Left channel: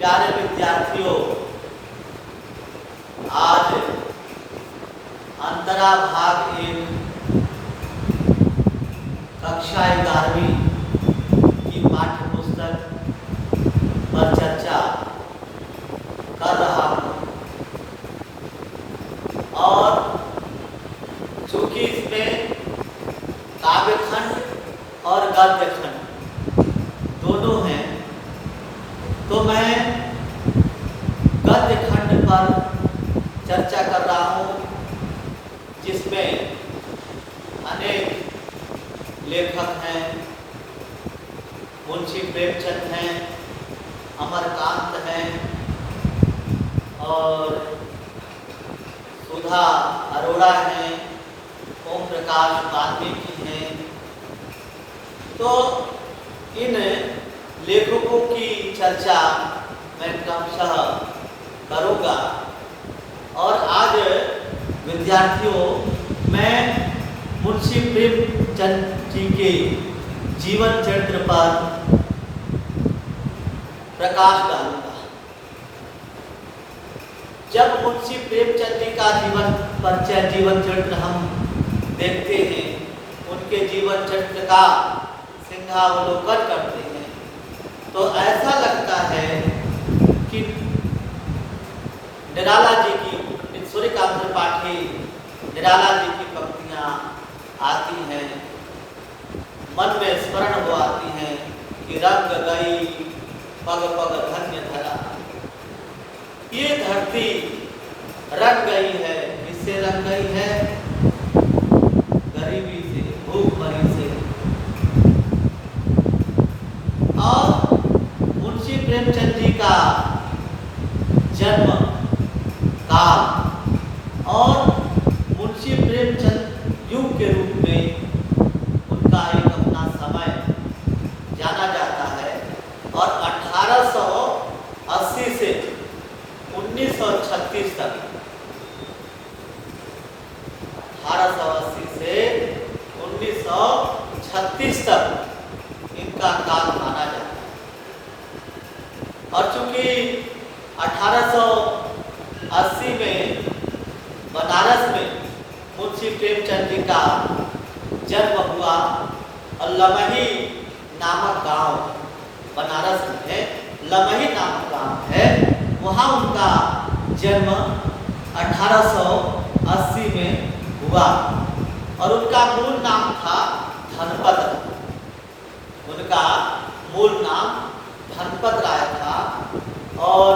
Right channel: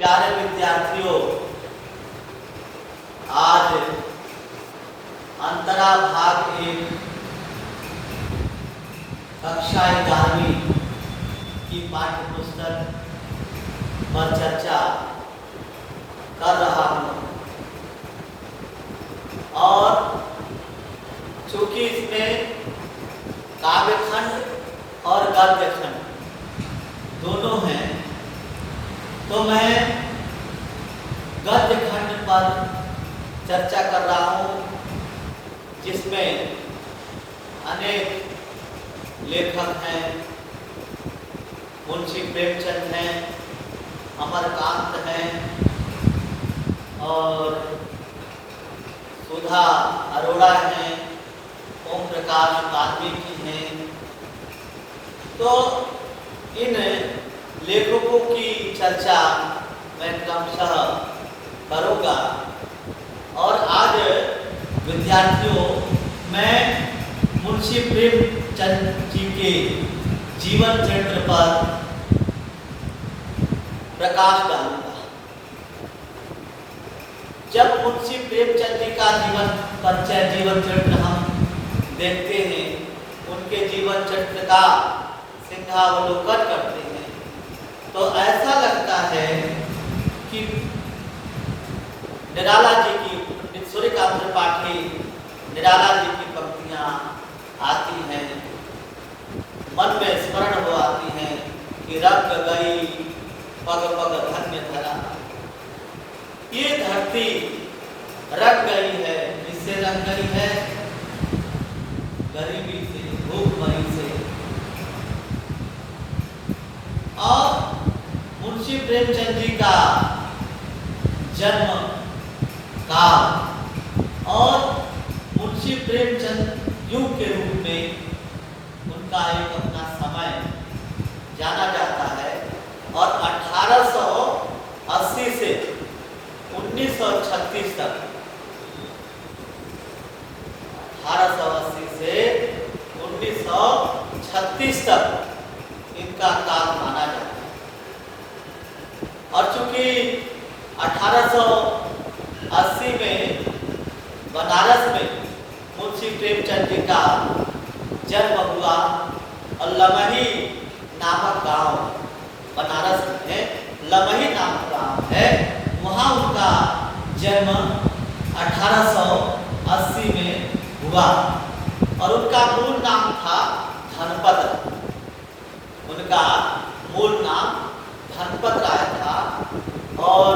प्यारे विद्यार्थियों, आज अंतरा भाग 1 कक्षा 11वीं की पाठ्य पुस्तक पर चर्चा कर रहा हूँ। और चूंकि इसमें काव्यखंड और गद्यखंड दोनों हैं, तो मैं गद्यखंड पर चर्चा कर रहा हूँ, जिसमें अनेक लेखक हैं। मुंशी प्रेमचंद हैं, अमरकांत हैं और सुधा अरोड़ा हैं, ओम प्रकाश वाल्मीकि हैं। तो इन लेखकों की चर्चा मैं क्रमशः करूँगा। और आज विद्यार्थियों, मैं मुंशी प्रेमचंद जी के जीवन चरित्र पर प्रकाश डालूंगा। जब मुंशी प्रेमचंद जी का जीवन चरित्र हम देखते हैं, उनके जीवन चरित्र का सिंहावलोकन करते हैं, तो ऐसा लगता है कि निराला जी की, सूर्यकांत त्रिपाठी निराला जी की पंक्तियां आती हैं, मन में स्मरण हो आती हैं कि रंग गई पग पग धन्य धरा। ये धरती रंग गई है, इससे रंग गई है गरीबी से, भूखमरी से। और मुंशी प्रेमचंद जी का जन्म काल और मुंशी प्रेमचंद युग के रूप में उनका एक अपना समय जाना जाता है। और 1880 से 1936 तक, 1880 से 1936 तक इनका काल माना जाता है। और चूंकि 1880 में बनारस में मुंशी प्रेमचंद जी का जन्म हुआ, और लमही नामक गांव बनारस में लमही नामक गांव है, वहाँ उनका जन्म 1880 में हुआ। और उनका मूल नाम था धनपत। उनका मूल नाम धनपत राय था। और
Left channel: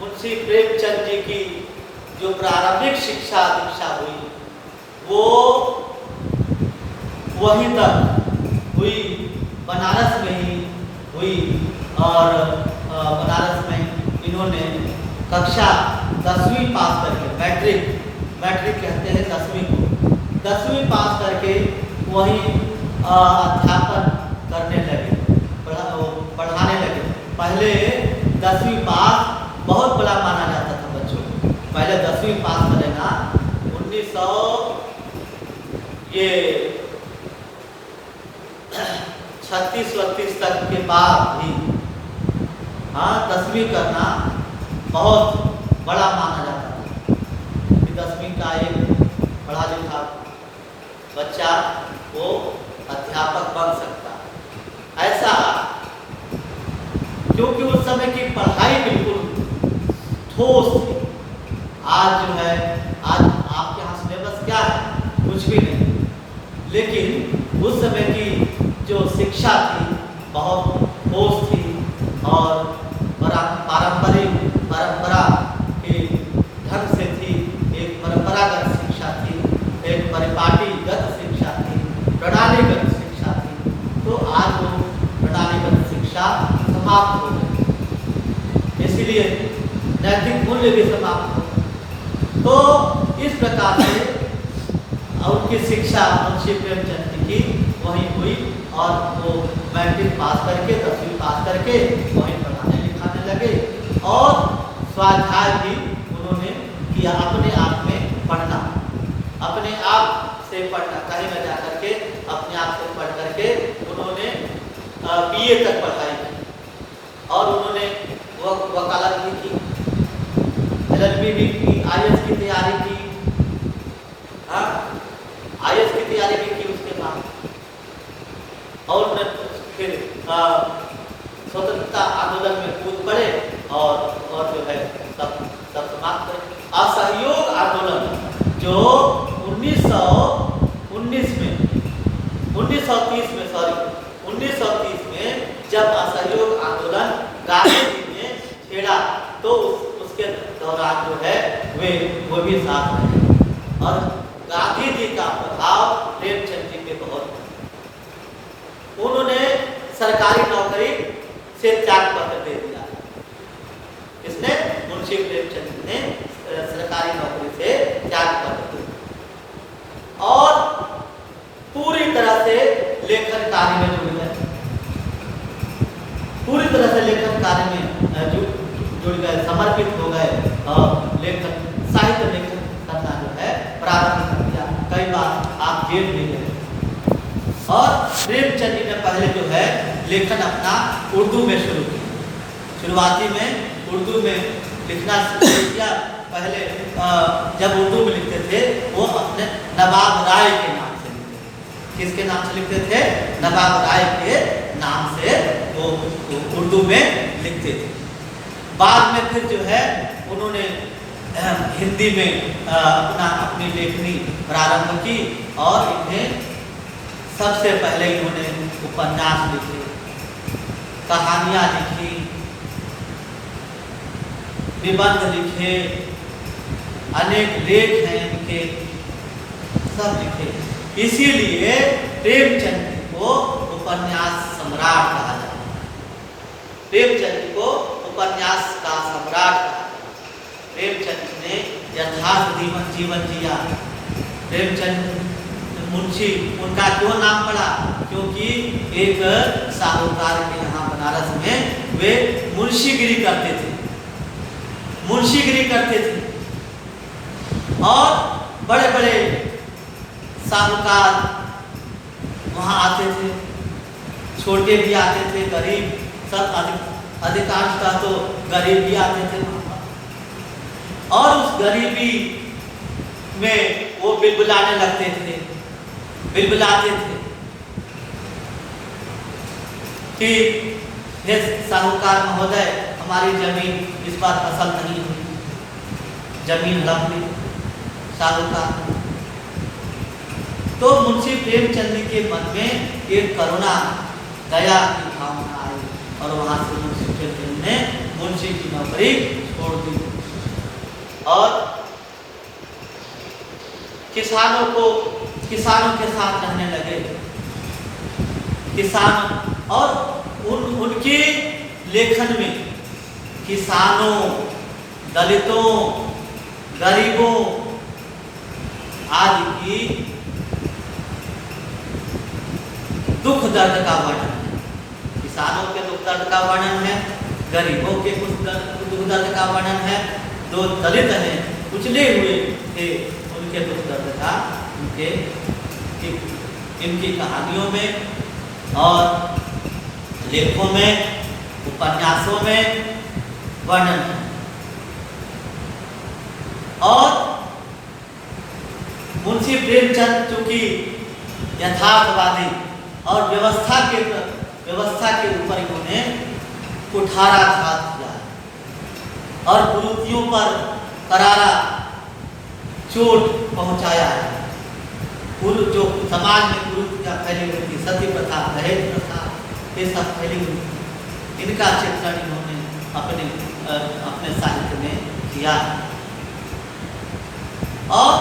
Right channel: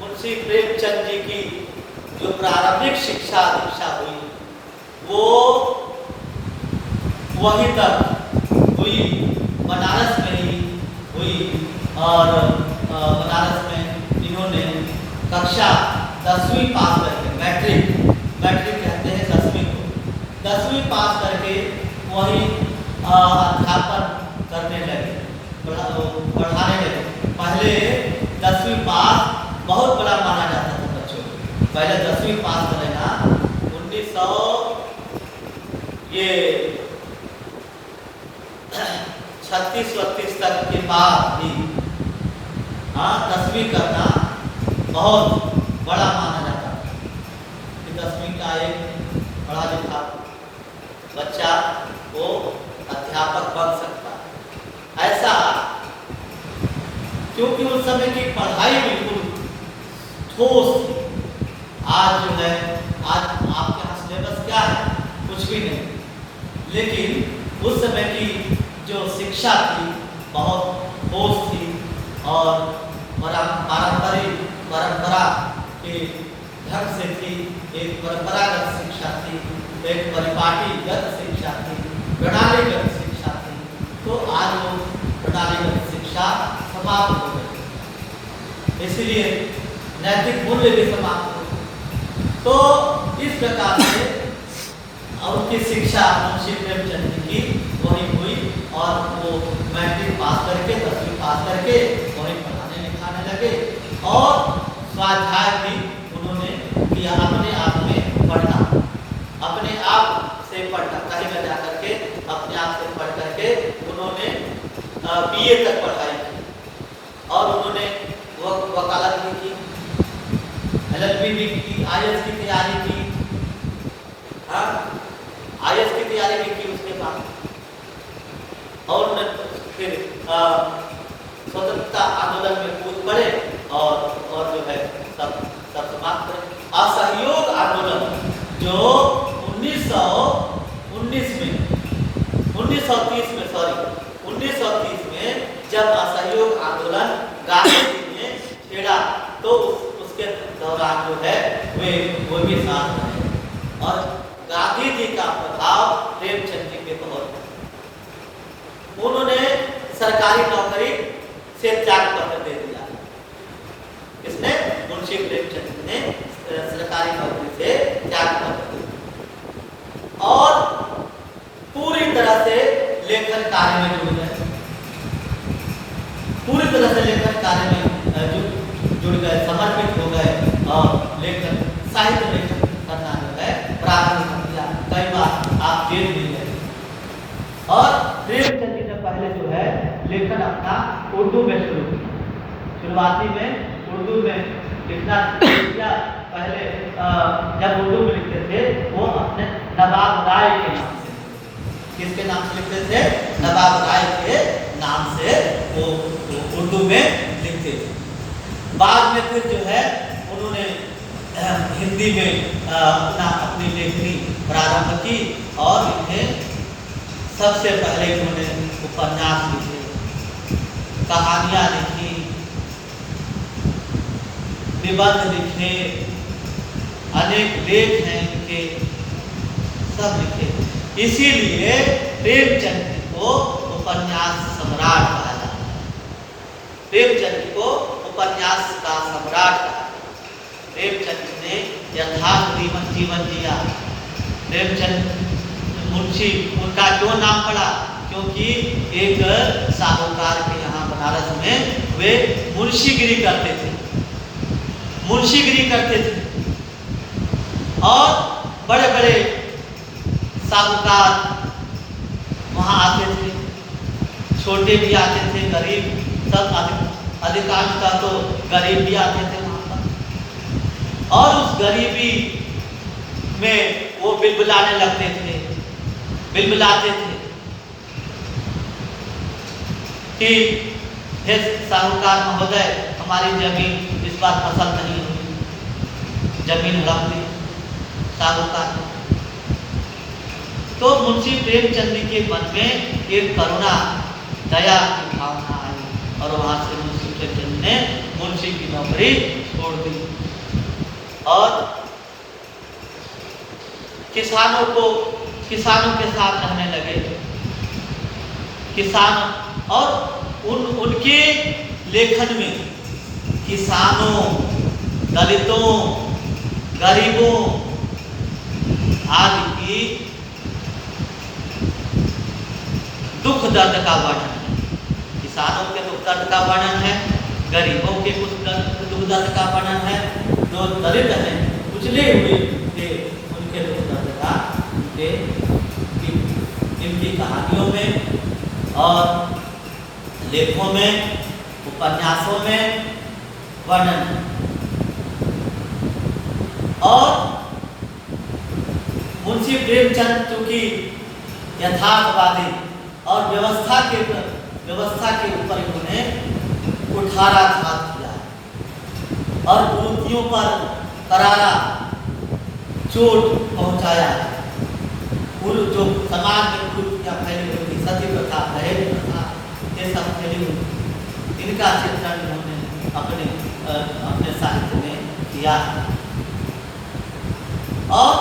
मुंशी प्रेमचंद जी की जो प्रारंभिक शिक्षा दीक्षा हुई, वो वहीं तक हुई, बनारस में ही हुई। और बनारस में इन्होंने कक्षा 10वीं पास करके, मैट्रिक कहते हैं 10वीं को, 10वीं पास करके वहीं अध्यापन करने लगे, पढ़ाने लगे। पहले 10वीं पास बहुत बड़ा माना जाता था बच्चों को, पहले 10वीं पास करेगा। 1936 तक के बाद भी 10वीं करना बहुत बड़ा माना जाता था कि 10वीं का एक पढ़ा लिखा बच्चा वो अध्यापक बन सकता। ऐसा क्योंकि उस समय की पढ़ाई बिल्कुल ठोस थी। आज जो है, आज आपके यहाँ सिलेबस क्या है? कुछ भी नहीं। लेकिन उस समय की जो शिक्षा थी बहुत ठोस थी और परंपरा के ढंग से थी। एक परंपरागत शिक्षा थी, एक परिपाटीगत शिक्षा थी, प्रणालीगत शिक्षा थी। तो आज वो प्रणालीगत शिक्षा समाप्त हो गई, इसलिए नैतिक मूल्य भी समाप्त हो गए। तो इस प्रकार से उनकी शिक्षा मुंशी प्रेमचंद जी की वहीं हुई। और वो मैट्रिक पास करके, 10वीं पास करके वहीं पढ़ाने लिखाने लगे। और स्वाध्याय भी उन्होंने किया, अपने आप में पढ़ना, अपने आप से पढ़ना, कहीं में जा करके अपने आप से पढ़ करके उन्होंने BA तक पढ़ाई। और उन्होंने LLB भी की, IAS की तैयारी की, IAS की तैयारी भी की उसके बाद, और फिर स्वतंत्रता आंदोलन में कूद पड़े और जो है सब समाप्त करे। असहयोग आंदोलन जो 1930 में जब असहयोग आंदोलन गांधी जी ने छेड़ा तो उसके दौरान जो है वो भी साथ रहे, और गांधी जी का प्रभाव प्रेमचंद जी पे बहुत। उन्होंने सरकारी नौकरी से त्याग पत्र दे दिया। इसने मुंशी प्रेमचंद ने सरकारी नौकरी से त्याग पत्र दे दिया और पूरी तरह से लेखन कार्य में जुड़ गए, पूरी तरह से लेखन कार्य में जुड़ गए, समर्पित हो गए और लेखन साहित्य लेखन करना जो है प्रारंभ कर दिया। कई बार आप जेल भी गए। और प्रेमचंद जी ने पहले जो है लेखन अपना उर्दू में शुरू किया। शुरुआती में उर्दू में लिखना शुरू किया। पहले जब उर्दू में लिखते थे वो अपने नवाब राय के नाम से, किसके नाम से लिखते थे? नवाब राय के नाम से वो उर्दू में लिखते थे। बाद में फिर जो है उन्होंने हिंदी में अपनी लेखनी प्रारंभ की और इन्हें सबसे पहले इन्होंने उपन्यास लिखे, कहानियां लिखी, निबंध लिखे, अनेक लेख हैं इनके, सब लिखे। इसीलिए प्रेमचंद को उपन्यास सम्राट कहा जाता है। प्रेमचंद को उपन्यास का सम्राट कहा जाता है। प्रेमचंद ने यथार्थ जीवन जिया। प्रेमचंद मुंशी उनका क्यों नाम पड़ा? क्योंकि एक साहूकार के यहाँ बनारस में वे मुंशीगिरी करते थे, मुंशीगिरी करते थे और बड़े बड़े साहूकार वहाँ आते थे, छोटे भी आते थे, गरीब सब, अधिकांशतः तो गरीब भी आते थे वहाँ पर। और उस गरीबी में वो बिलबिलाने लगते थे, बिलबिलाते थे कि हे साहूकार महोदय, हमारी जमीन इस बार फसल नहीं हुई, जमीन हड़प ली साहूकार। तो मुंशी प्रेमचंद के मन में एक करुणा, दया की भावना आई और वहां से मुंशी प्रेमचंद ने मुंशी की नौकरी छोड़ दी और किसानों के साथ रहने लगे। किसान और उनके लेखन में किसानों, दलितों, गरीबों आदि की दुख दर्द का वर्णन है। किसानों के दुख दर्द का वर्णन है, गरीबों के कुछ दुख दर्द का वर्णन है, जो दलित हैं, कुचले हुए थे, उनके दुख दर्द का इनकी कहानियों में और लेखों में, उपन्यासों में वर्णन है। और मुंशी प्रेमचंद चूंकि यथार्थवादी और व्यवस्था के ऊपर इन्होंने कुठाराघात किया है और कुरीतियों पर करारा चोट पहुंचाया है। जो समाज में कुरीतियां फैली हुई थी, सती प्रथा, दहेज प्रथा, ये सब फैली हुई, इनका चित्रण इन्होंने अपने साहित्य में किया है। और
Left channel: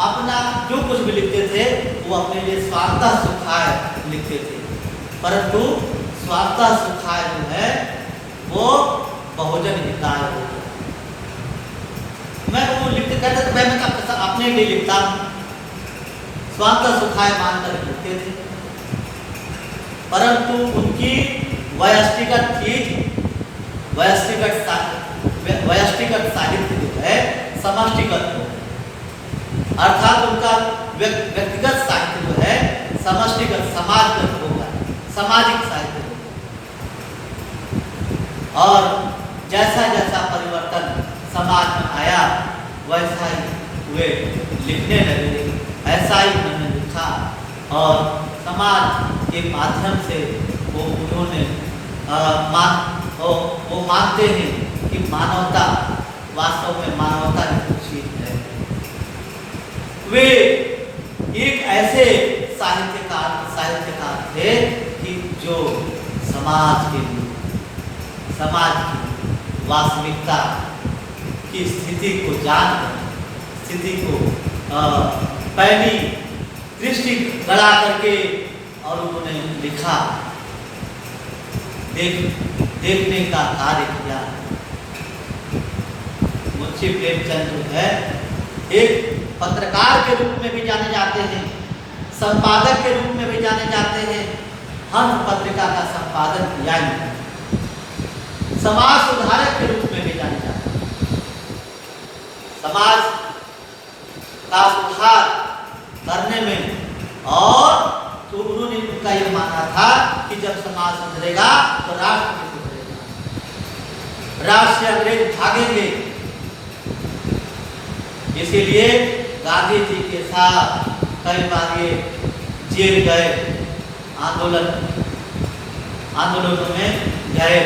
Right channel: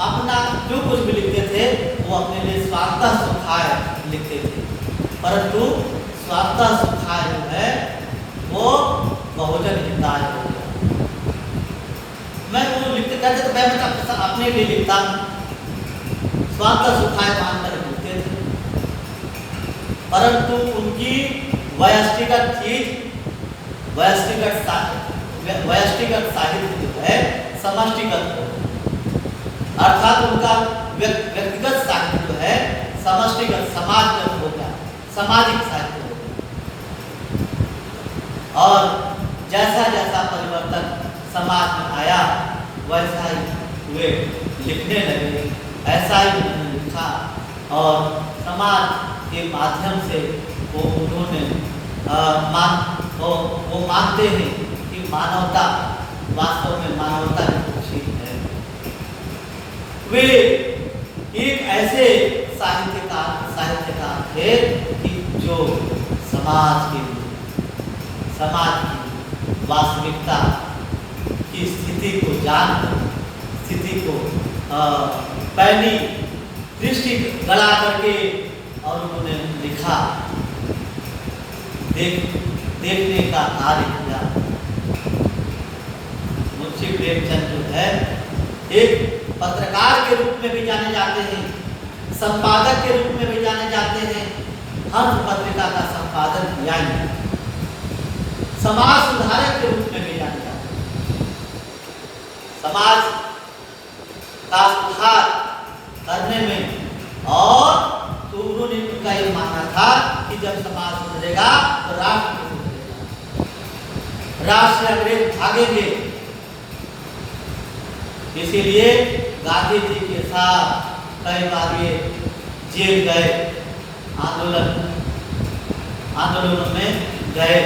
अपना जो कुछ भी लिखते थे वो अपने लिए स्वार्थः सुखाय लिखते थे, परंतु स्वार्थः सुखाय जो है वो बहुजन हिताय हो गया। मैं वो लिखते कहते तो मैं अपने लिए लिखता हूँ, स्वार्थः सुखाय मानकर लिखते थे, परंतु उनकी वैयक्तिगत चीज, वैयक्तिगत साहित्य जो है समष्टिगत हो, अर्थात उनका व्यक्तिगत साहित्य जो है समष्टिगत, समाजगत होगा, सामाजिक साहित्य होगा। और जैसा जैसा परिवर्तन समाज में आया वैसा ही वे लिखने लगे, ऐसा ही उन्होंने लिखा और समाज के माध्यम से वो उन्होंने वो मानते हैं कि मानवता वास्तव में मानवता ही चीज है। वे एक ऐसे साहित्यकार थे कि जो समाज की वास्तविकता की स्थिति को जानकर, स्थिति को पहली दृष्टि बढ़ा करके और उन्होंने लिखा, देखने का कार्य किया। मुंशी प्रेमचंद जो है एक पत्रकार के रूप में भी जाने जाते हैं, संपादक के रूप में भी जाने जाते हैं। हंस पत्रिका का संपादन किया ही, समाज सुधारक के रूप में भी जाने जाते हैं। समाज का सुधार करने में और तो उन्होंने उनका ये मानना था कि जब समाज सुधरेगा तो राष्ट्र भी सुधरेगा, राष्ट्र से अंग्रेज भागेंगे। इसीलिए गांधी जी के साथ कई बार ये जेल गए, आंदोलनों में गए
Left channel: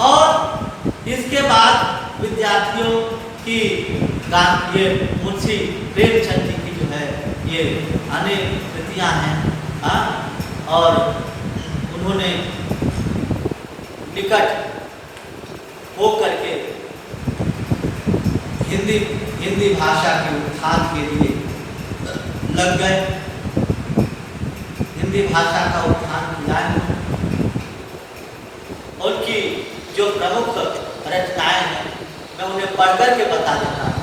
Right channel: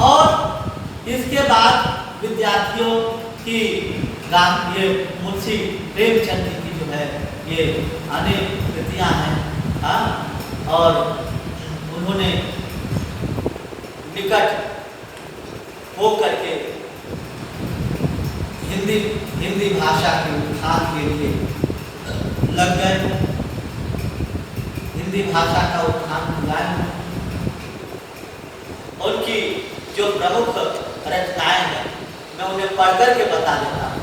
और इसके बाद विद्यार्थियों की ये मुंशी प्रेमचंद जी की जो है ये अनेक कृतियां हैं और उन्होंने निकट हो करके हिंदी भाषा के उत्थान के लिए लग गए, हिंदी भाषा का उत्थान किया। उनकी जो प्रमुख रचनाएं हैं मैं उन्हें पढ़ करके बता देता हूँ,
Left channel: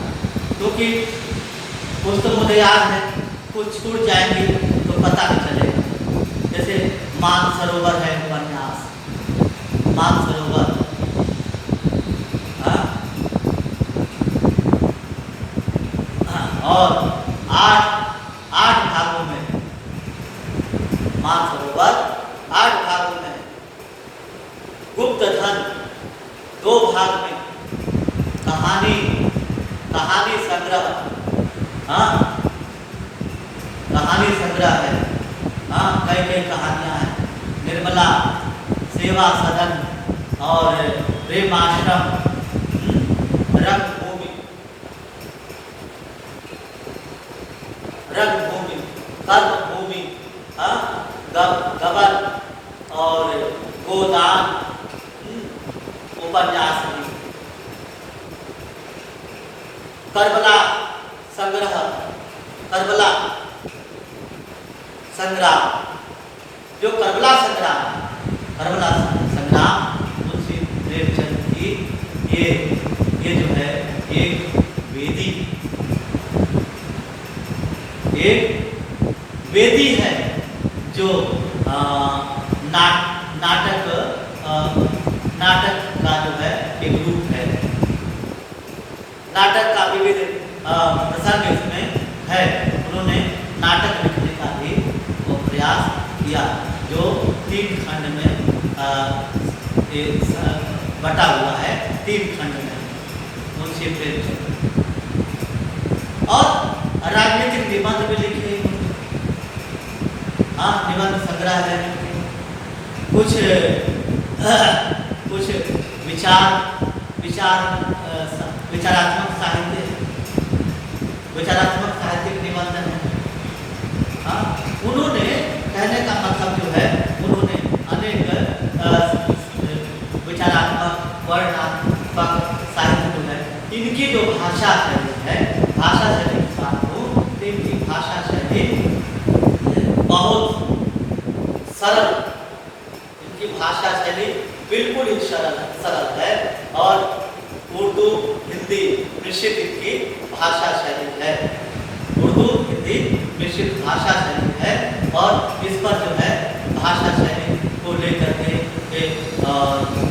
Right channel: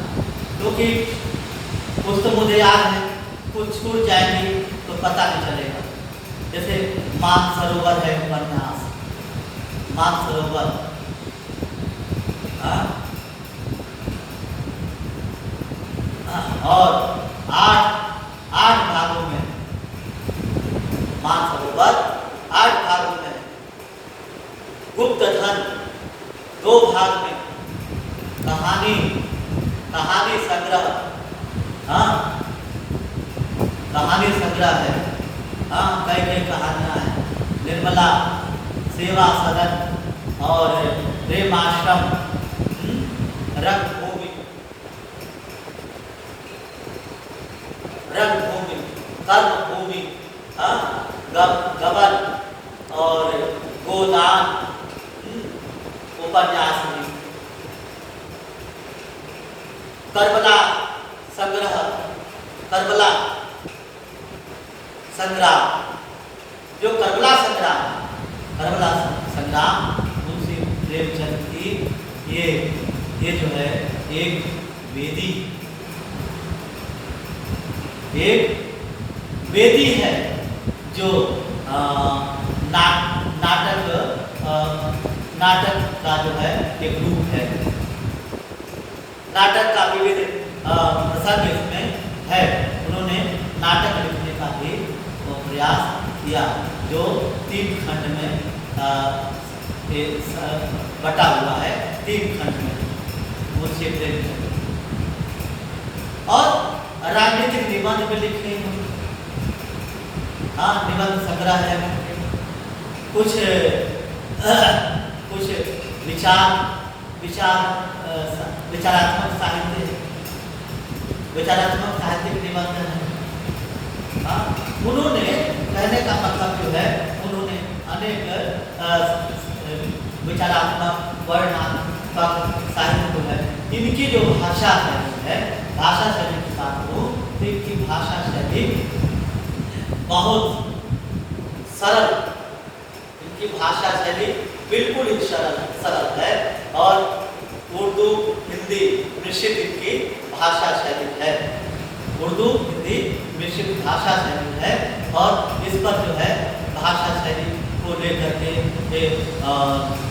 क्योंकि कुछ तो मुझे याद है, कुछ छूट जाएंगे तो पता नहीं चलेगा। जैसे मानसरोवर है उपन्यास, मानसरोवर और आठ भागों में मानसरोवर 8 भागों में, गुप्त धन 2 भाग में, कहानी संग्रह, कहानी संग्रह है, कई कहानियां हैं, निर्मला, सेवा सदन और प्रेमाश्रम, रंगभूमि, कर्मभूमि, गबन और गोदान उपन्यास, करबला संग्राम, जो करबला संग्राम मुंशी प्रेमचंद की ये जो है एक वेदी है जो नाटक का जो है एक रूप है। नाटक का विविध प्रसंग इसमें है। उन्होंने नाटक लिखने का भी प्रयास किया जो 3 खंड में बटा हुआ है, 3 खंड में मुंशी प्रेमचंद। और राजनीतिक निबंध भी लिखे, निबंध संग्रह है, कुछ विचारात्मक साहित्यिक निबंध है। उन्होंने कहने का मतलब जो है उन्होंने अनेक विचारात्मक वर्णनात्मक साहित्य जो है, इनकी जो भाषा शैली है, भाषा शैली की बात करूँ तो इनकी भाषा शैली बहुत सरल, इनकी भाषा शैली बिल्कुल ही सरल है और उर्दू हिंदी मिश्रित इनकी भाषा शैली है, उर्दू हिंदी मिश्रित भाषा शैली है। और इस पर जो है भाषा शैली को लेकर के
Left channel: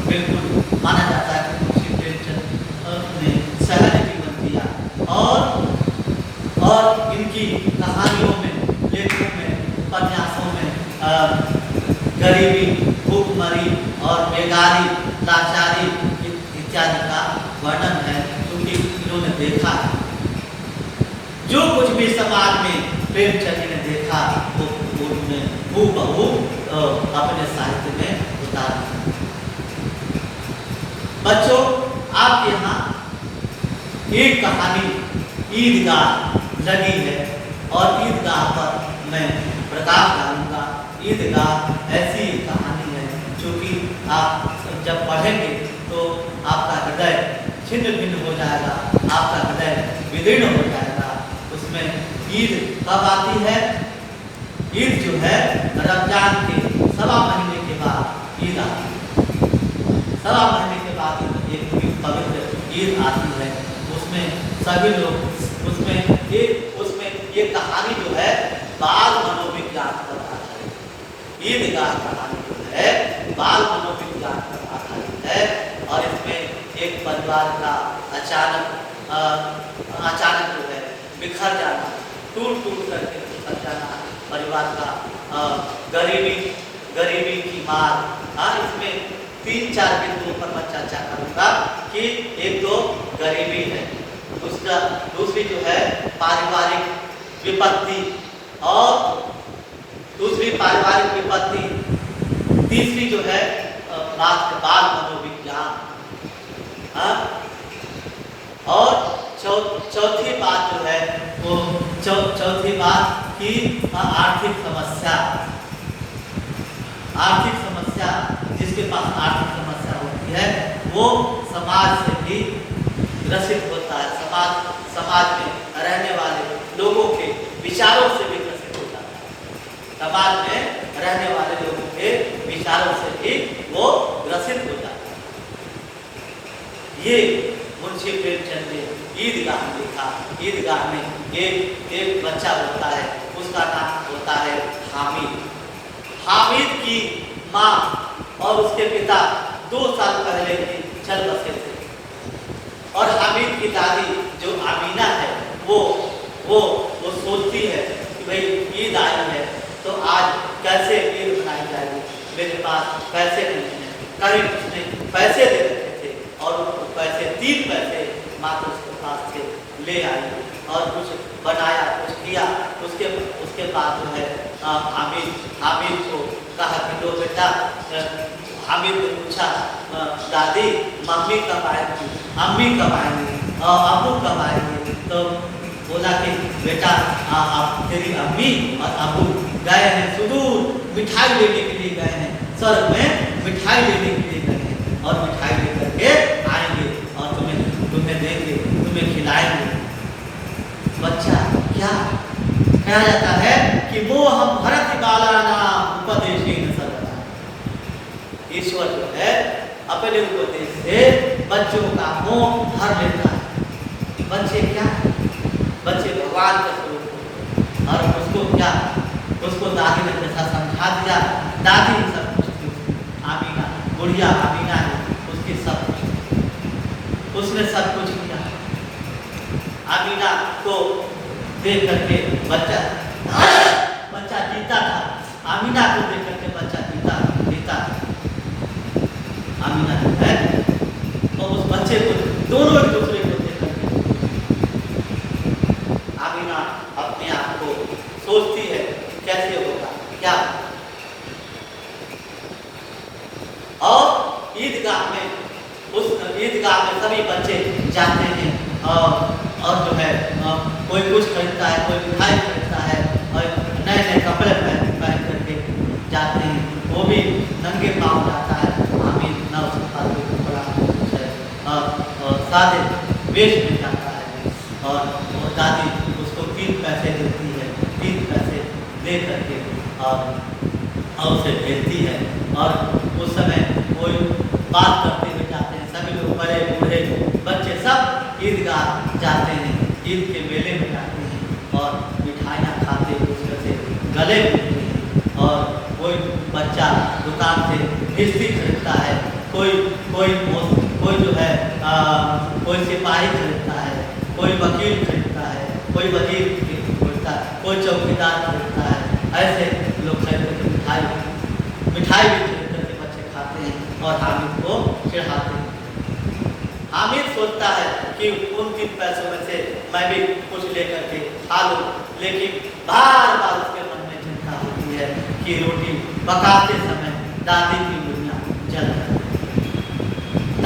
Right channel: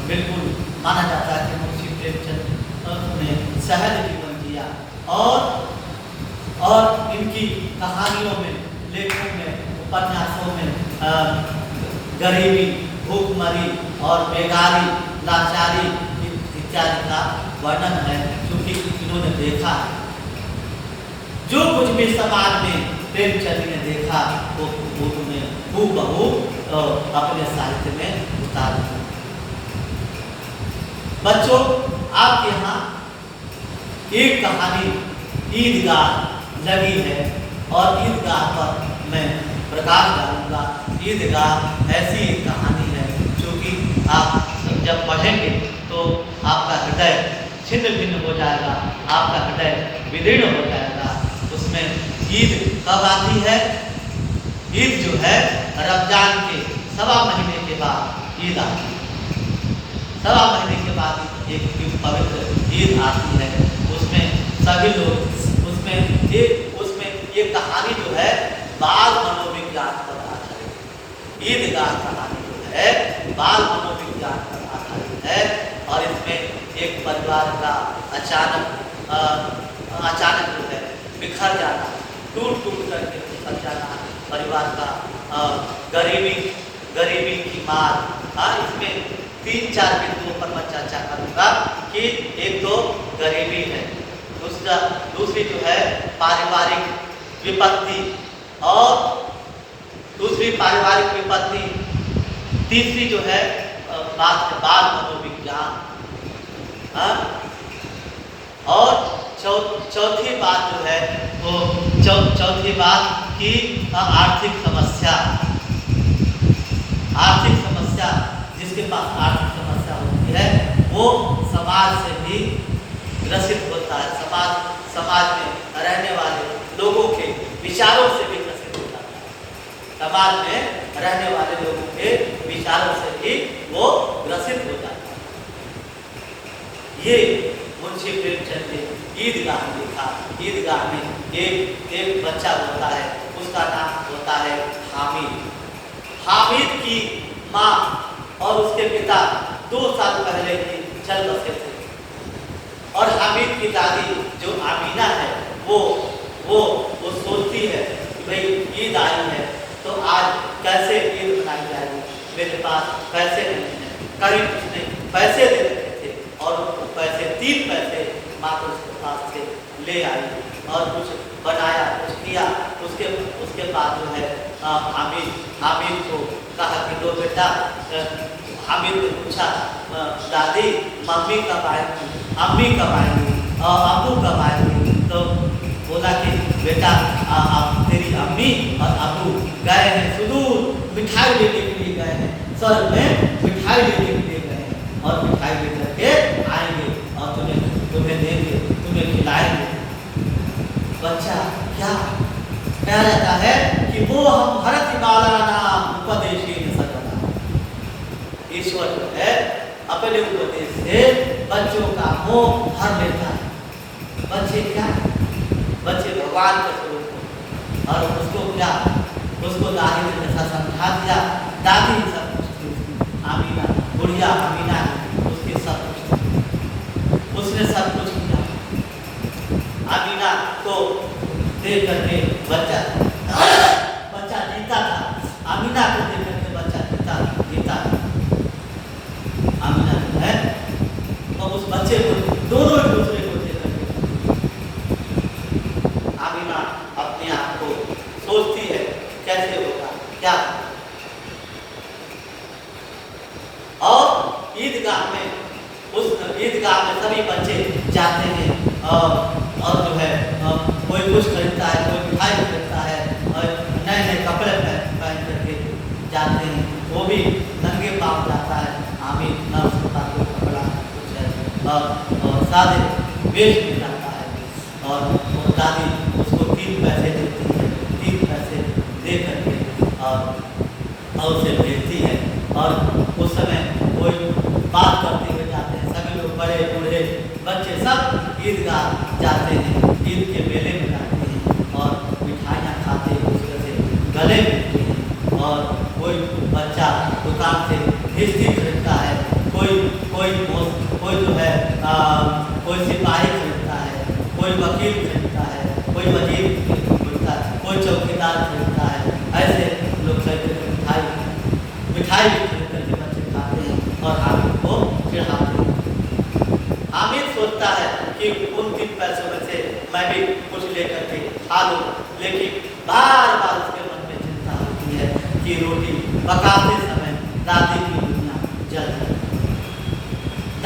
बिल्कुल माना जाता है कि मुंशी प्रेमचंद ने सहज जीवन जिया और इनकी कहानियों में, लेखों में, उपन्यासों में गरीबी, भूखमरी और बेगारी, लाचारी इत्यादि का वर्णन है, क्योंकि इन्होंने देखा है। जो कुछ भी समाज में प्रेमचंद ने देखा वो उन्होंने हूबहू अपने साहित्य में उतार दिया। बच्चों, आपके यहाँ एक कहानी ईदगाह लगी है और ईदगाह पर मैं प्रकाश डालूंगा। ईदगाह ऐसी एक कहानी है जो कि आप जब पढ़ेंगे तो आपका हृदय छिन्न भिन्न हो जाएगा, आपका हृदय विदीर्ण हो जाएगा। उसमें ईद कब आती है? ईद जो है रमजान के 1.25 महीने के बाद ईद आती है। 1.25 महीने के बाद एक पवित्र ईद आती है। उसमें सभी लोग उसमें ये कहानी जो है बाल मनोविज्ञान पर आधारित है। ईदगाह कहानी जो है बाल मनोविज्ञान पर आधारित है और इसमें एक परिवार का अचानक जो है बिखर जाना, टूट करके बिखर जाना, परिवार का गरीबी की मार। इसमें 3-4 बिंदुओं पर मैं चर्चा करूंगा कि एक तो गरीबी है, दूसरी जो है पारिवारिक विपत्ति और दूसरी पारिवारिक विपत्ति, तीसरी जो है बाल मनोविज्ञान, और चौथी बात जो है वो चौथी बात की आर्थिक समस्या। जिसके पास आर्थिक समस्या होती है वो समाज से भी ग्रसित होता है, समाज में रहने वाले लोगों के विचारों से भी ग्रसित हो जाता है। समाज में रहने वाले लोगों के विचारों से भी वो ग्रसित हो जाता है। ये मुंशी प्रेमचंद ने ईदगाह में लिखा। ईदगाह में एक बच्चा होता है, उसका नाम होता है हामिद। हामिद की माँ और उसके पिता 2 साल पहले ही चल बसे थे और हामिद की दादी जो आमीना है वो सोचती है कि भाई ईद आई है तो आज कैसे ईद मनाई जाएगी, मेरे पास पैसे नहीं हैं, कहीं कुछ नहीं, पैसे दे रखे थे और उनको पैसे 3 पैसे मात्र उसके पास थे, ले आई और कुछ बनाया, कुछ किया। उसके बाद जो है हामिद को कहा कि दो बेटा, हामिद ने पूछा दादी मम्मी कब आएगी, अम्मी कब आएंगी और अब्बू कब आएंगे? तो बोला कि बेटा तेरी अम्मी और अब्बू गए हैं सुदूर, मिठाई लेने के लिए गए हैं, स्वर्ग में मिठाई लेने के लिए गए हैं और मिठाई लेकर के आएंगे और तुम्हें देंगे, तुम्हें खिलाएंगे। बच्चा क्या कहा जाता है कि वो हम भरत बाला नाम उपदेशी न सर्वदा। ईश्वर जो है अपने उपदेश से बच्चों का मोह भर लेता है। बच्चे क्या, बच्चे भगवान का स्वरूप और उसको दादी ने जैसा समझा दिया, दादी ही सब कुछ थी, आमीना बुढ़िया आमीना ने उसके सब कुछ, उसने सब कुछ किया। आमीना को देख करके बच्चा जीता था, आमीना को देख करके बच्चा जीता था। आमीना जो है और उस बच्चे को दोनों एक दूसरे को देख करके आमीना अपने आप को सोचती है कैसे होगा क्या। और ईदगाह में सभी बच्चे जाते हैं और जो है कोई कुछ खरीदता है, कोई मिठाई खरीदता है और नए कपड़े पहन करके जाते हैं। वो भी नंगे पाँव जाता है, हामिद ना उसके पास कोई कपड़ा कुछ है, सादे वेश में जाता है और दादी उसको 3 पैसे देती है, 3 पैसे दे करके और उसे भेजती है। और उस समय कोई बात करते हुए जाते हैं, सभी लोग बड़े बूढ़े बच्चे सब ईदगाह जाते हैं, ईद के मेले में जाते हैं और मिठाइयाँ खाते एक दूसरे से गले मिलते हैं। और कोई बच्चा दुकान से भिस्ती खरीदता है, कोई जो है कोई सिपाही खरीदता है, कोई वकील खरीदता है, कोई वजीर खरीदता है, कोई चौकीदार खरीदता है। ऐसे लोग खरीद करके मिठाई भी खरीद करके बच्चे खाते हैं और हामिद को चिढ़ाते हैं। हामिद सोचता है कि उन 3 पैसों में से मैं भी कुछ लेकर के खा लूं, लेकिन बार बार उसके मन में चिंता होती है कि रोटी पकाते समय दादी की उंगलियां जल जाती हैं।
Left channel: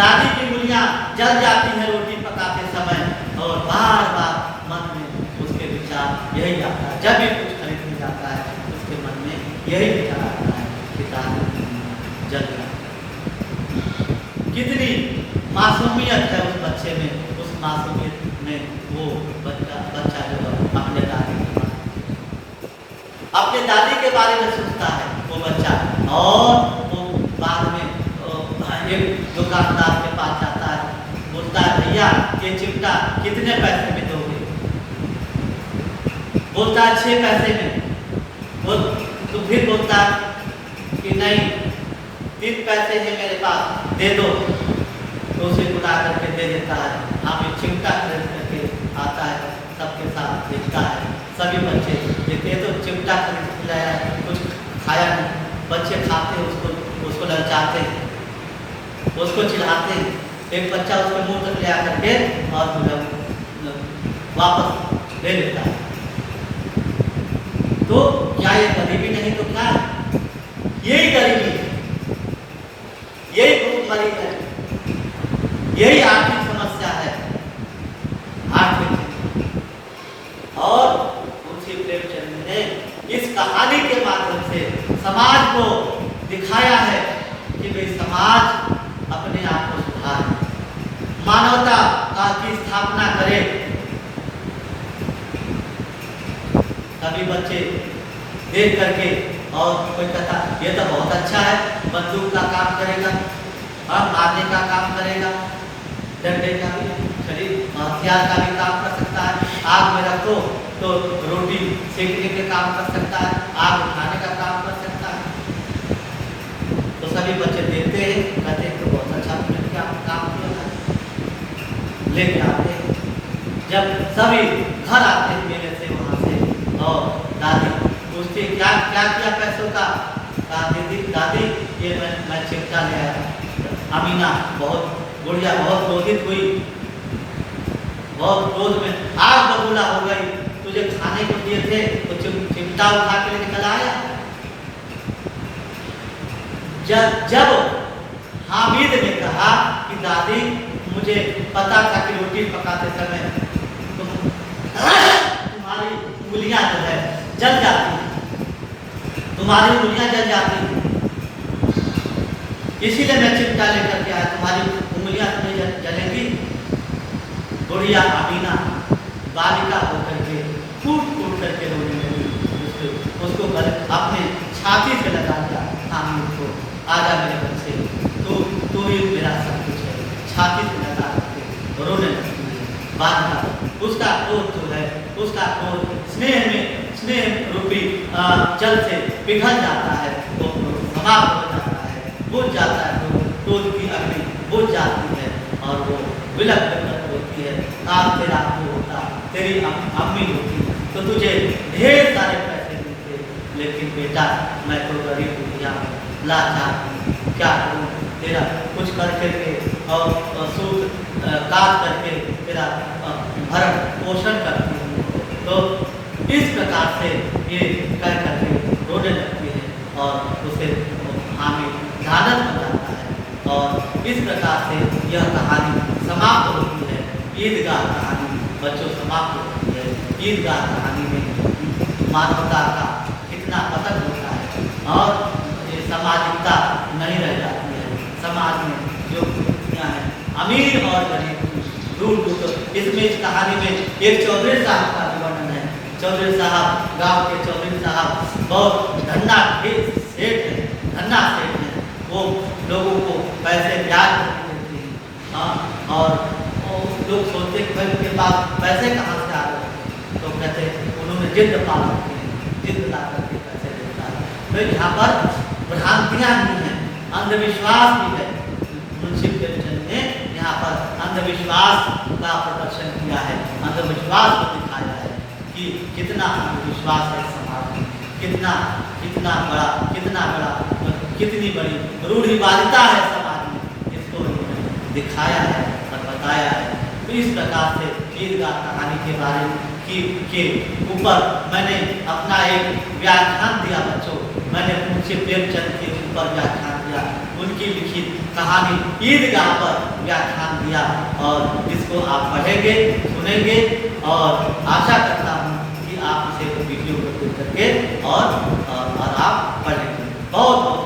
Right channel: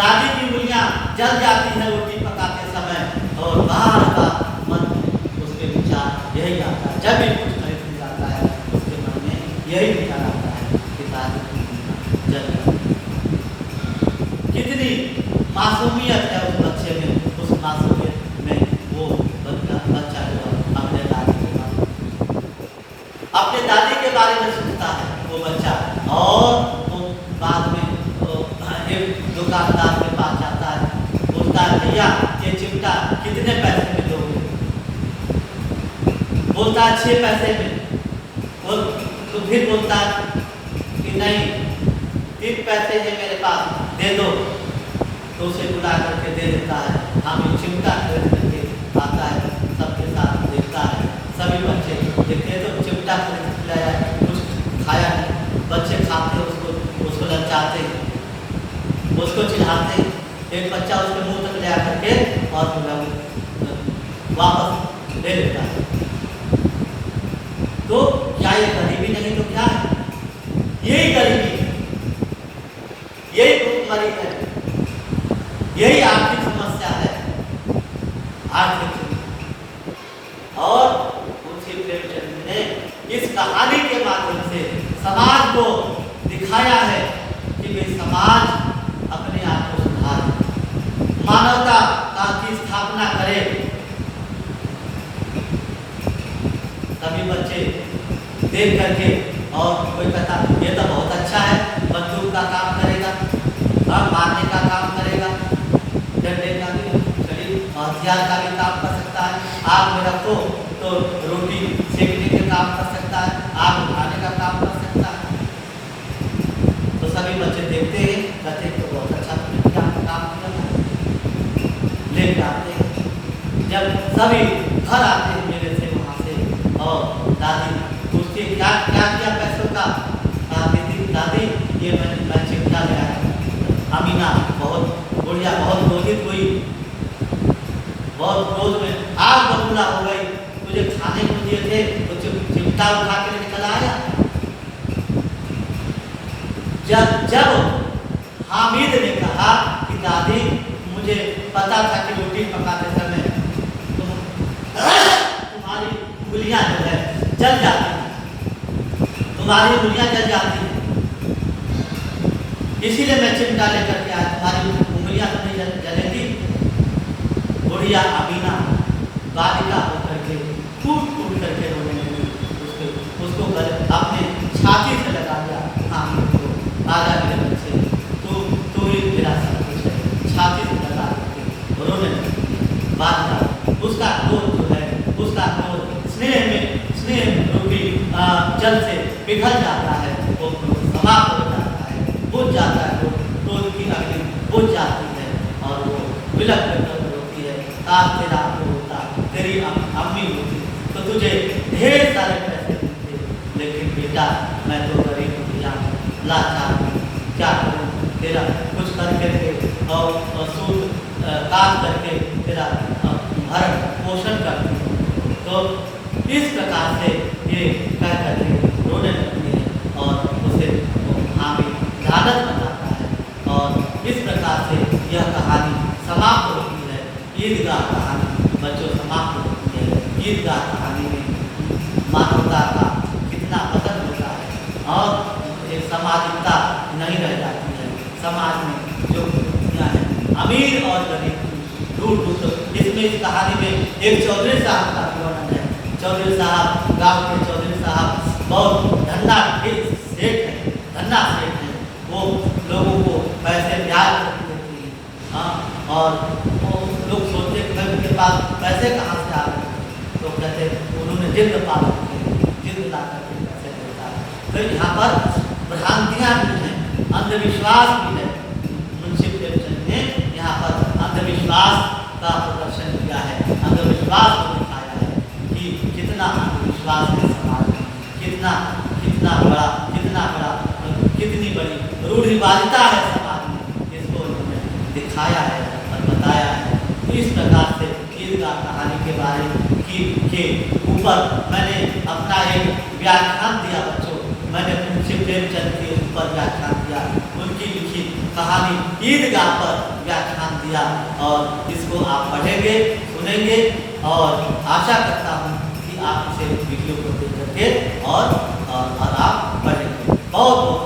दादी की उंगलियां जल जाती हैं रोटी पकाते समय, और बार बार मन में उसके विचार यही आता है। जब भी कुछ खरीदने जाता है उसके मन में यही विचार आता है कि दादी की उंगलियां जल जाती हैं। कितनी मासूमियत है उस बच्चे में, उस मासूमियत में वो बच्चा जो है अपने दादी के बारे में सोचता है वो बच्चा। और वो बाद में एक दुकानदार के पास जाता है, बोलता है भैया ये चिमटा कितने पैसे में दोगे? बोलता है 6 पैसे में। तो फिर बोलता है कि नहीं 3 पैसे हैं मेरे पास, दे दो। तो उसे बुला करके दे देता है। हम ये चिमटा खरीद करके आता है, सबके साथ देखता है। सभी बच्चे देखते हैं तो चिमटा खरीद के लाया है, कुछ खाया नहीं। बच्चे खाते उसको ललचाते, उसको चिढ़ाते। एक बच्चा उसके मुंह तक ले आकर के और वापस ले लेता है। तो क्या ये गरीबी नहीं तो क्या है? यही गरीबी है, यही भूखमरी है, यही आर्थिक समस्या है, आर्थिक। और मुंशी प्रेमचंद ने इस कहानी के माध्यम से समाज को दिखाया है कि वे समाज अपने आप को सुधारे, मानवता की स्थापना करे। सभी बच्चे देख करके, और कोई कहता ये तो बहुत अच्छा है, बंदूक का काम करेगा, मारने का काम करेगा, डंडे का भी, हथियार का भी काम कर सकता है, आग में रखो तो रोटी सेकने के काम कर सकता है, आग उठाने का काम कर सकता है। तो सभी बच्चे देखते हैं, कहते हैं तो बहुत अच्छा काम किया है, लेके आते हैं। जब सभी घर आते हैं मेरे से वहाँ से, और दादी पूछती क्या क्या किया पैसों का? दादी ये मैं चिमटा ले आया। अमीना बहुत बुढ़िया बहुत क्रोधित हुई, बहुत क्रोध में आग बबूला हो गई। तुझे खाने को दिए थे तो चिमटा उठा के लेके चला आया। जब हामिद ने कहा कि दादी मुझे पता था कि रोटी पकाते समय तुम्हारी उंगलियां जो है जल जाती हैं, तुम्हारी उंगलियां जल जाती हैं, इसीलिए मैं चिमटा लेकर के आया, तुम्हारी उंगलियां तुम्हें जलेंगी। बुढ़िया अमीना बालिका होकर के कूट करके रोने लगी। उसको अपने छाती से लगा दिया हामिद को, आजा मेरे बच्चे, तू ही मेरा सब कुछ है। छाती से लगा करके रोने लगती है बालिका। उसका क्रोध जो है, उसका क्रोध स्नेह रूपी जल से पिघल जाता है, वो समाप्त हो जाता है, बुझ जाता है, क्रोध की अग्नि बुझ जाती है, और वो विलप करके होती है, आज तेरा को होता, तेरी अम्मी होती तो तुझे ढेर सारे पैसे मिलते, लेकिन बेटा मैं तो गरीब दुनिया लाचार, क्या करूँ? तेरा कुछ करके और सूट काट करके तेरा भरण पोषण करती हूँ। तो इस प्रकार से ये कह करके रोने लगती है, और उसे हामिद ध्यानत बन जाता है, और इस प्रकार से यह कहानी समाप्त होती है। ईदगाह कहानी बच्चों समाप्त होती है। ईदगाह कहानी में मानवता का कितना पतन होता है, और ये सामाजिकता नहीं रह जाती है। समाज में जो खुशियाँ हैं अमीर और गरीब दूर दूर। इसमें इस कहानी में एक चौधरी साहब का भी वर्णन है। चौधरी साहब गांव के चौधरी साहब बहुत धन्ना सेठ है, धन्ना सेठ है। वो लोगों को पैसे ब्याज देते हैं, हाँ, और लोग सोचते कि भाई उनके पास पैसे कहाँ से आ रहे हैं, तो कहते उन्होंने जिद पाल रखी है, जिद ला करके पैसे देता है। तो यहाँ पर भ्रांतियाँ भी हैं, अंधविश्वास भी है। मुंशी प्रेमचंद ने यहाँ पर अंधविश्वास का प्रदर्शन किया है, अंधविश्वास को दिखाया है कि कितना अंधविश्वास है समाज में, कितना बड़ा कितनी बड़ी रूढ़िवादिता है समाज में। इसको इन्होंने दिखाया है और बताया। बताया है। तो इस प्रकार से ईदगाह कहानी के बारे के ऊपर मैंने अपना एक व्याख्यान दिया बच्चों। मैंने मुंशी प्रेमचंद के ऊपर व्याख्यान दिया, उनकी लिखित कहानी ईदगाह पर व्याख्यान दिया, और इसको आप पढ़ेंगे, सुनेंगे, और आशा करता हूँ कि आप इसे वीडियो को देख करके और आप पढ़ेंगे। बहुत बहुत